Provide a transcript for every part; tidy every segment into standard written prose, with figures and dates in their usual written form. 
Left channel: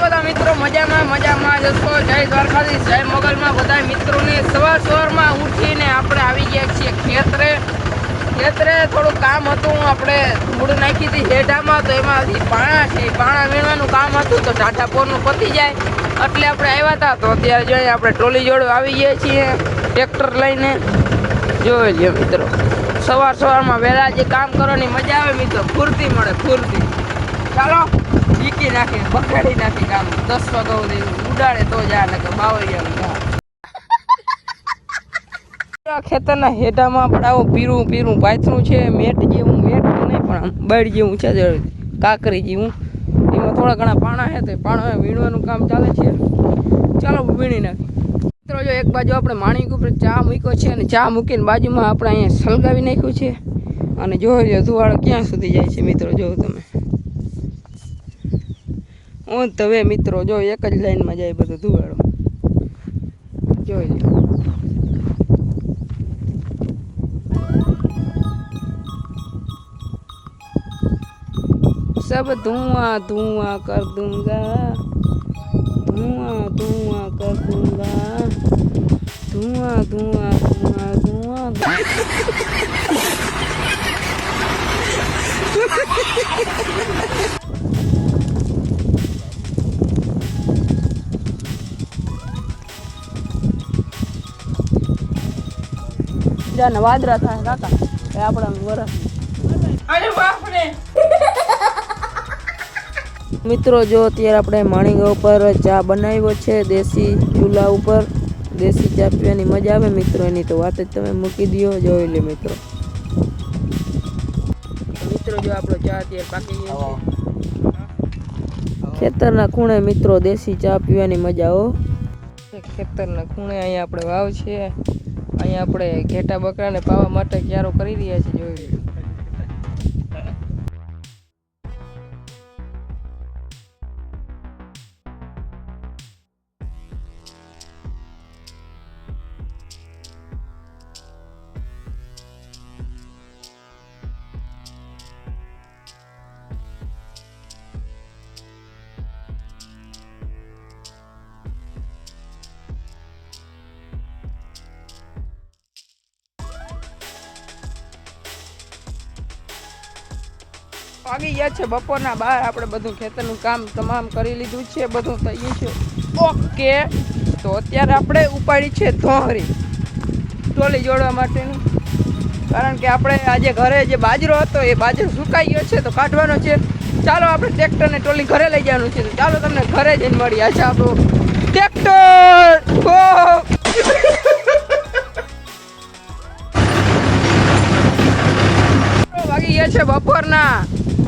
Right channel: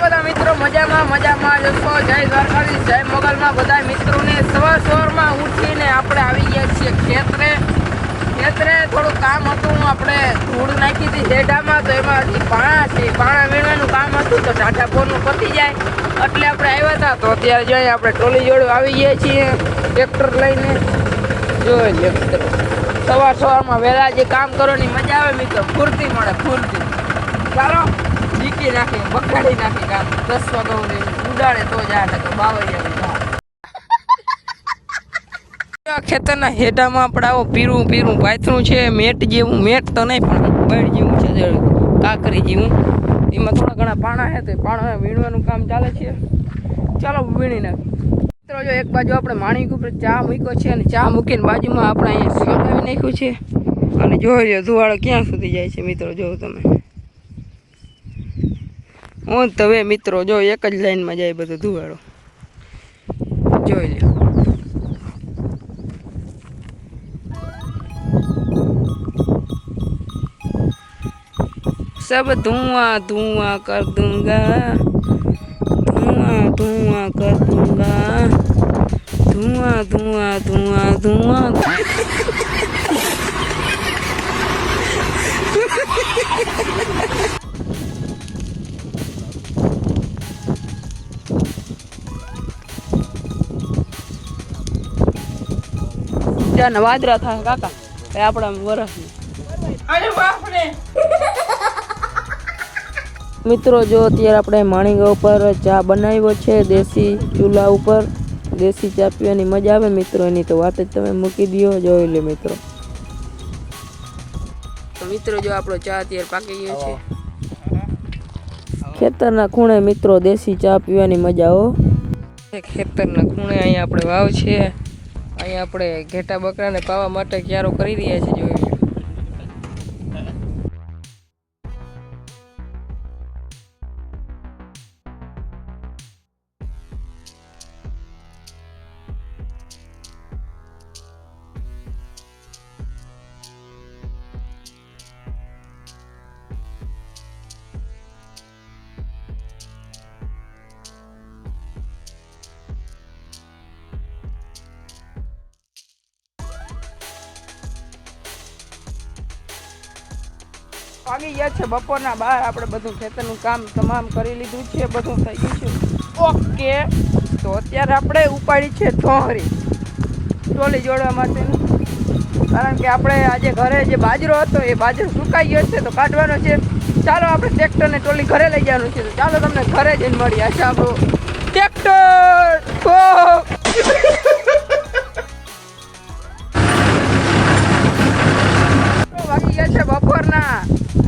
બધા મિત્રો મજામાં જશો। જય દ્વારકાધીશ, જય મોગલમાં બધા મિત્રોને સવારમાં ઉઠીને આપણે આવી ગયા છીએ ખેતરે થોડું કામ હતું। આપણે ધૂળ નાખી હતી હેઠામાં, તો એમાંથી પાણા છે, પાણા વીણવાનું કામ હતું, તો ટાટા પોરનું પતી જાય એટલે આપણે આવ્યા હતા। તો અત્યારે જોઈએ આપણે ટ્રોલી જોડે આવી ગયા છીએ ટ્રેક્ટર લઈને। જોઈ લો મિત્રો, સવારમાં વહેલા જે કામ કરવાની મજા આવે મિત્રો, ફૂર્તિ મળે ફૂર્તિ। ચાલો જીકી નાખી, બગાડી નાખી કામ 10 વાગ્યા સુધી ઉડાડે તો જા, નકર બાવળિયા ખેતરના હેઠામાં આપણે આવો પીરું પાથરું છે, મેટ જેવું, મેટ તો નહીં પણ બળ જેવું છે, કાકરી જેવું, એમાં થોડા ઘણા પાણા છે, તો પાણા વીણવાનું કામ ચાલે છે। ચાલો વીણી નાખ મિત્રો। જો એક બાજુ આપણે માણિક ઉપર ચા મૂક્યો છે, અને ચા મૂકીને બાજુમાં આપણે અહીંયા સળગાવી નાખ્યું છે, અને જોઈ લો ધુવાળો ક્યાં સુધી જાય છે મિત્રો, જો તમે હું હવે મિત્રો જો એક જ લાઈનમાં જાય બધો ધુવાળો, જોઈ લો। सब धुआं धुआं कर दूंगा, धुआं धुआं कर दूंगा, धुआं धुआं धुआं धुआं। જ્યાં વાદરા થાય કાકા એ આપણા વરસ। અરે બાપ રે મિત્રો, જો અત્યારે આપણે માણીગા ઉપર ચા બનાવ્યો છે, દેશી ચૂલા ઉપર દેશી ચા પીવાની મજા આવે મિત્રો, એની તો વાત જ તમે મૂકી દો। જોઈ લે મિત્રો, જો આપણો ચા અત્યારે પાકી ગયો છે ખેતરના ખૂણે મિત્રો, દેશી ચા પીવાની મજા હો। ખેતરના ખૂણે અહીંયા આપણે વાવ છે, અહીંયા આપણે ઘેટા બકરાને પાવા માટે ક્યારો કરી રહ્યા છીએ, જોઈ લો। આવી ગયા છે બપોરના 12, આપણે બધું ખેતરનું કામ તમામ કરી લીધું છે, બધું થઈ ગયું છે ઓકે। તો અત્યારે આપણે ઉપાડી છે થોરી ટોલી જોડવા માટેનું, કારણ કે આપણે આજે ઘરે જે બાજરો હતો એ બાજરો સુકાઈ ગયો છે, તો કાઢવાનો છે। ચાલો આપણે ટ્રેક્ટરને ટોલી ઘરે લઈ જવાનું છે, તો ચાલો તમને ઘરે જઈને મળીએ। છે આપણું ટ્રેક્ટર વાગી ગયા છે બપોરના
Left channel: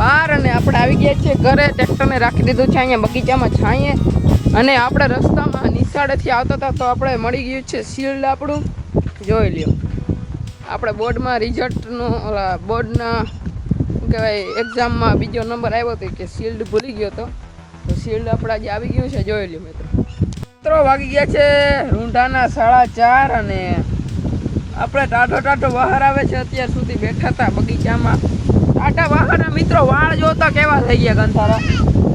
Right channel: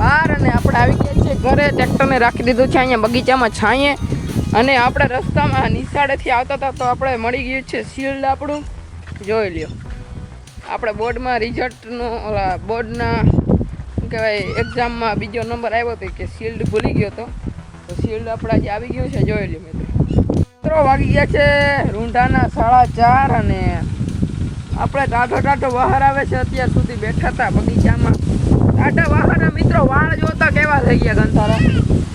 12 અને આપણે આવી ગયા છીએ ઘરે। ટ્રેક્ટરને રાખી દીધું છે અહીંયા બગીચામાં છાંયે, અને આપણે રસ્તામાં નિશાળેથી આવતા હતા તો આપણે મળી ગયું છે શિલ્ડ આપણું, જોઈ લ્યો। આપણે બોર્ડમાં રિઝલ્ટનો બોર્ડના શું કહેવાય એક્ઝામમાં બીજો નંબર આવ્યો હતો કે શિલ્ડ ભૂલી ગયો હતો, તો શિલ્ડ આપણે આજે આવી ગયું છે, જોઈ લ્યો મિત્રો। વાગી ગયા છે રૂંઢાના 4:30 અને આપણે ટાઢો બહાર આવે છે, અત્યાર સુધી બેઠા હતા બગીચામાં ટાઢા બહારના મિત્રો, વાળ જોતા કેવા થઈ ગયા ગંથારા।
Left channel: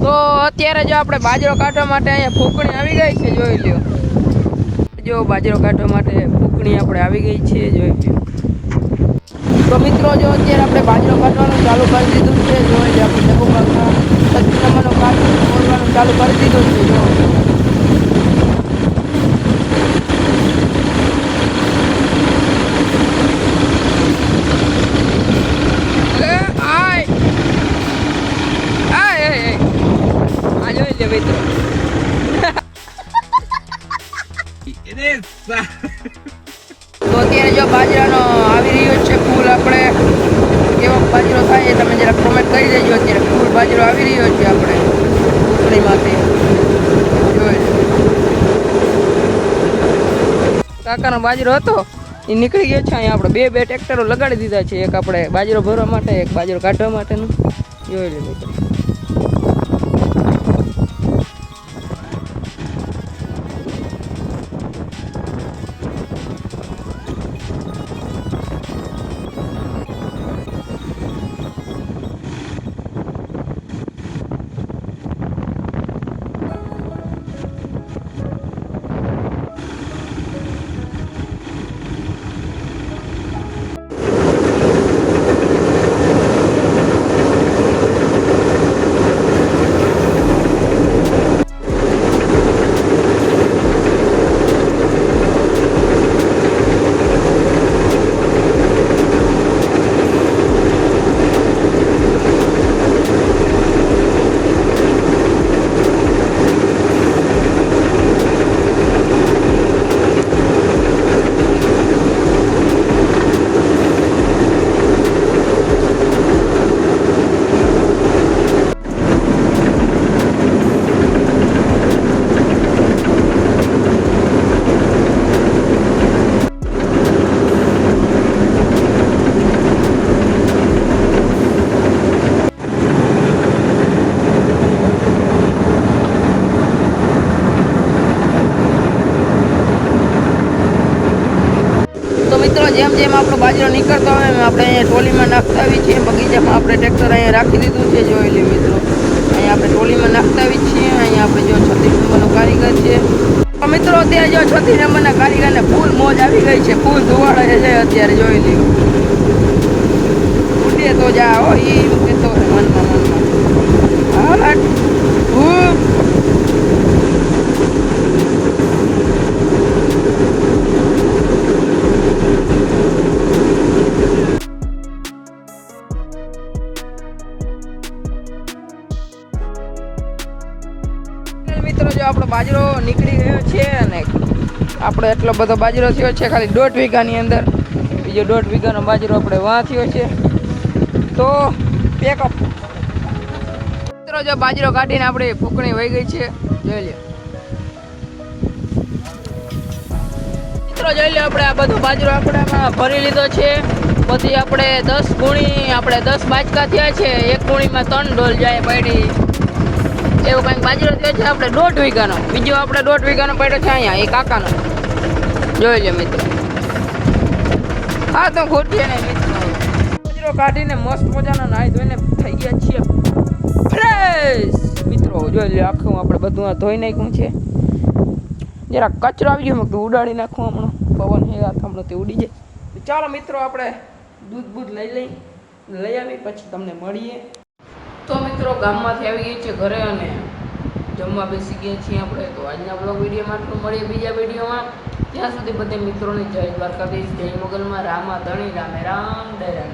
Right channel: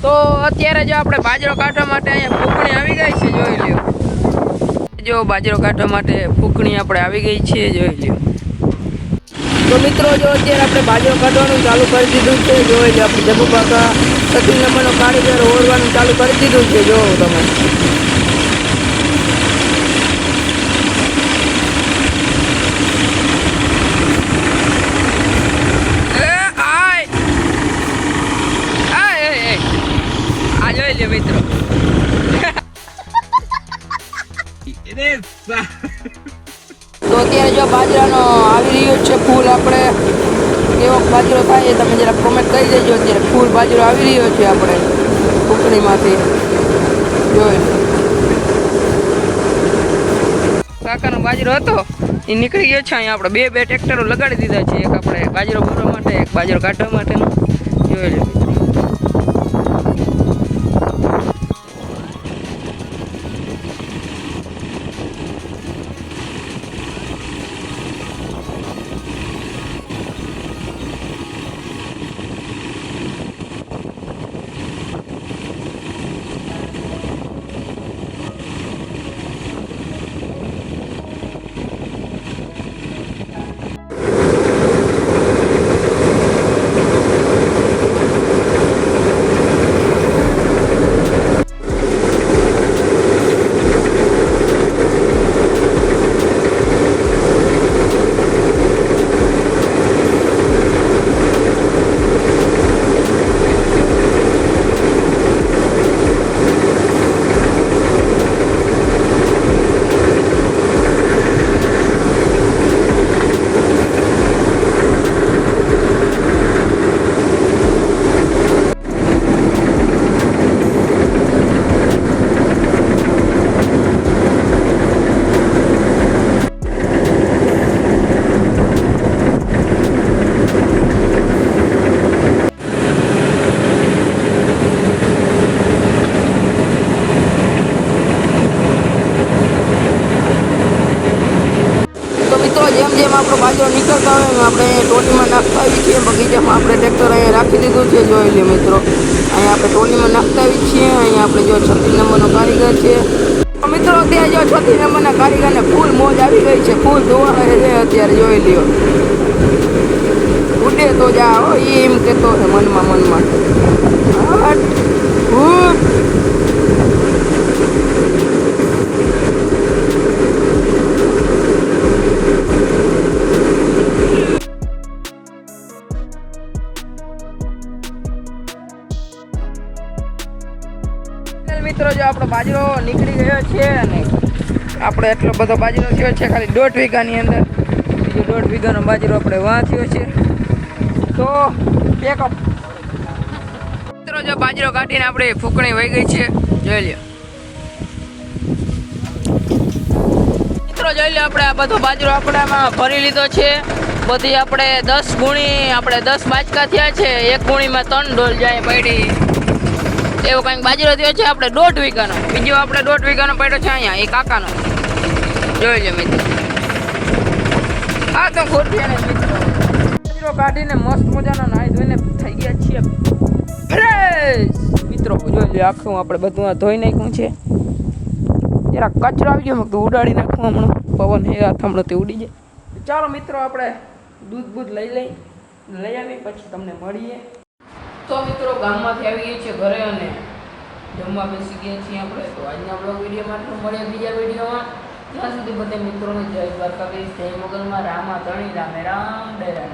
તો અત્યારે જો આપણે બાજરો કાઢવા માટે અહીંયા ફૂકણી આવી ગઈ છે, જોઈ લ્યો। જો બાજરો કાઢવા માટે ફૂકણી આપણે આવી ગઈ છે, જોઈ લ્યો। તો મિત્રો જો અત્યારે આપણે બાજરો કાઢવાનું ચાલુ કરી દીધું છે, જોઈ લો। આપણે જગુ કાકા 30 નંબરનો કારીગર ઓળવાનું ચાલુ કરી દીધું છે, જો તમે। જોઈ લે મિત્રો, તો અત્યારે જો બાજરાનો આવી રહ્યો છે ફૂલ, આપણે કેવો બાજરો થાય એ તમે જરા કોમેન્ટ કરી દેજો। અત્યારે ફૂલ બાજરો આવી રહ્યો છે આપણે ફૂકણીમાંથી, જોઈ કાકાનો બાજરો હતો એ નીકળી ગયો છે। અહીંયા આપણે બે ટ્રેક્ટરો લગાડી દીધા છે, એક આપણે બાજરો ભરવા માટે, એક બાજરો કાઢવા માટેનું, જોઈ લે મિત્રો। જેમ જેમ આપણો બાજરો નીકળતા હોય એમ આપણે અહીંયા ટોલીમાં નાખતા આવી છીએ. બગીચામાં આપણે ટ્રેક્ટર અહીંયા રાખી દીધું છે. જોઈ લો મિત્રો, અહીંયા આપણે ટોલીમાં નાખતા આવી છીએ. અહીંયા આપણે જો 36 નંબરનો કારીગર છે. તો મિત્રો અત્યારે જો 36 નંબરના કારીગરને ફૂલ મોજ આવી ગઈ છે. ફૂલ ધુવાડે છે અત્યારે. જોઈ લ્યો, ઉડે તો જાઓ એમ કેતો છે મનમાં. મિત્રો જો આપણો બાજરો નીકળી ગયો છે અને આપણે એટલો બધો બાજરો થયો છે ખાલી 1.5 વીઘાની અંદર. બીજો 1.5 વીઘાનો બાજરો આપણે વાં થયો છે. તો પેકઅપ મિત્રો જો બાજરો કાઢીને આપણે ફૂકણી વહી ગઈ છે. જોઈ લ્યો મિત્રો, જોઈ લ્યો આપણે આ બધો બાજરો આપણામાં ભરી લીધો છે. બધી આપણે 10 ગુણી આપણે 10 બાચકા થયા છે. એક ગુણીમાં 3 ડોલ જાય પડી એવું કંઈક બાજરો થયો છે આપણે 1.5 વીઘાનો. બીજો આપણે 1.5 વીઘાનો પડ્યો છે અહીંયા એ કાકાનો. જોઈ લે મિત્રો. હા તો ખોટી ને મિત્રો, બાજરો કાઢીને મસ્ત મજાના નાહી ધોઈને થઈ ગયા છીએ ફ્રેશ. મિત્રો જોઈ લે આખું આપણે બધું આ ધોઈ નાખ્યું છે. જરા કચરો આવી ગયો તો ઉડાડી નાખું હમણાં. પવન એ હમણાં તે ઉડી જાય. ચાલો મિત્રો આપણે દૂધ લઈ આવી પછી તમને મળીએ. તો મિત્રો ગામમાંથી આવી ગઈ છે ઘરે અને જમવા બેસી ગયા છીએ આપણે. તો આજના બ્લોગ વિડીયોમાં આટલું, મળીએ બીજા વિડીયોમાં. ત્યાં સુધી બધા મિત્રોને જય દ્વારકાધીશ, જય મોગલમાં, રામા ધણી, રામે રામ, જય રામ.